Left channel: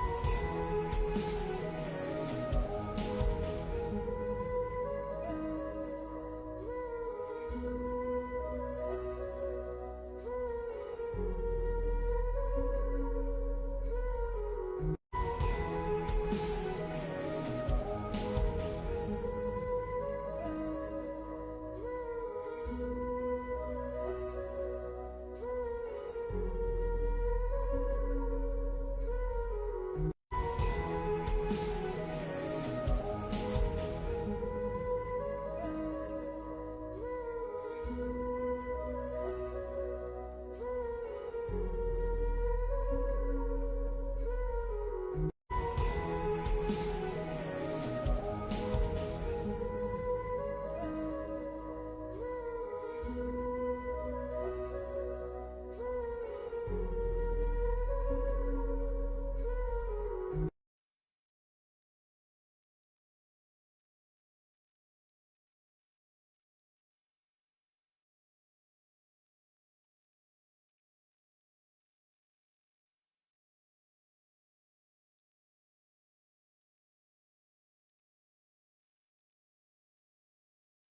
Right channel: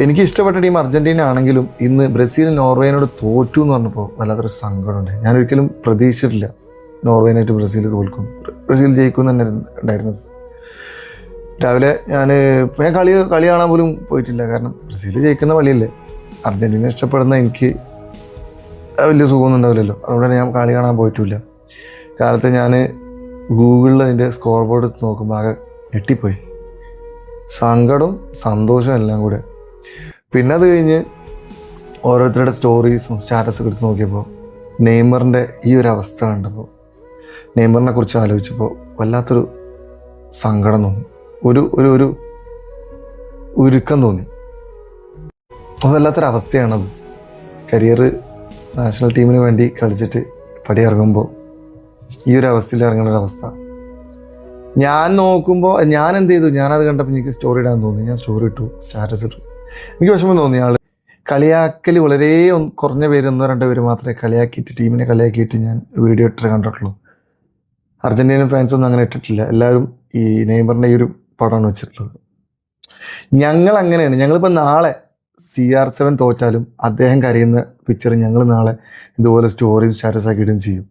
എനിക്ക് ഇഷ്ടപ്പെട്ട team Argentina ആണെങ്കിലും ഇന്ന് ബ്രസീൽ നോർവേനോട് തോറ്റു എന്ന് പറഞ്ഞപ്പോൾ വല്ലാത്തൊരു സങ്കടമുണ്ട്. ഞാൻ ഒരിക്കലും പ്രതീക്ഷിച്ചിട്ടില്ല നോർവേനായിട്ട് ബ്രസീൽ തോൽക്കും, ബ്രസീൽ ജയിക്കും തന്നെ ഉണ്ടായിരുന്നത്. രാവിലെ ഞാൻ കളി കാണാൻ പോലും പോയിട്ടില്ല. കാരണം ബ്രസീൽ ജയിക്കുന്ന കളിയല്ലേ. അർജന്റീന ഇഷ്ടപ്പെടുന്ന എനിക്ക് വലിയ സുഖമൊന്നും ഉണ്ടാവില്ലല്ലോ. അതുകൊണ്ട് തന്നെ ഞാൻ കളി കാണാൻ പോയിട്ടില്ല. കാലത്ത് ഞാൻ ഗൂഗിളിൽ അതിൻ്റെ സ്കോർ ബോർഡ് നോക്കുമ്പോൾ ആകെ ഞെട്ടിപ്പോയി. സങ്കടവും സന്തോഷവും എല്ലാം കൂടെ. പിന്നെ അത് കഴിഞ്ഞ് ഓരോരുത്തരുടെ സ്റ്റോറീസും സ്റ്റാറ്റസൊക്കെ എടുത്ത് നോക്കിയപ്പോൾ നെയ്മറിൻ്റെ ഈ ഒരു അവസ്ഥ കണ്ടപ്പോൾ, നെയ്മറിനെ കുറിച്ച് ആലോചിച്ചപ്പോൾ വല്ലാത്തൊരു സങ്കടം തോന്നി, ഒരു ഒരു ഒരു ഉരുക്കം തോന്നി. അത് വല്ലാത്തൊരവസ്ഥയാണത്. കരിയർ നാഷണൽ ടീമിന് വേണ്ടി കളിച്ചിട്ട് പടിയിറങ്ങുമ്പോൾ ഈ ഒരു അവസ്ഥയിൽ ഇറങ്ങുന്നൊരവസ്ഥ ഞാൻ നോക്കുമ്പോൾ ഞാൻ എന്ത് ചെയ്തു, ഞാനത് കണ്ടപ്പോൾ എനിക്ക് സ്റ്റോറി ഇടാൻ തോന്നി. ഞാൻ സ്റ്റോറി ഇട്ടു, സ്റ്റാറ്റസ് ഇട്ടു. എനിക്ക് വിഷമം തോന്നി. കളിയാക്കൽ വളരെ കുറഞ്ഞ പേര്, 1-2 പേര് മാത്രമേ കളിയാക്കിയിട്ട്, ടീമിനെ കളിയാക്കിയിട്ട് ഞാൻ വീഡിയോ ഇട്ട് കണ്ടിട്ടുള്ളൂ. അർജൻറ്റീനൻ ഫാൻസൊന്നും അങ്ങനെ ഇട്ടിട്ടില്ല. എല്ലാവരും ഈ നെയ്മറിൻ്റെ ഈ ഒരു പടമാണ് വെച്ചിട്ടുള്ളത്. ഞങ്ങൾ അങ്ങനെയാണ്. ഞങ്ങളിപ്പോൾ നാളെ CR7 തോറ്റാലും അദ്ദേഹം കരയുന്ന പിക്ചർ ഞങ്ങൾ നാളെ ഇതുപോലെ സ്റ്റോറി സ്റ്റാറ്റസ് ആക്കി ഇടുകയും ചെയ്യും.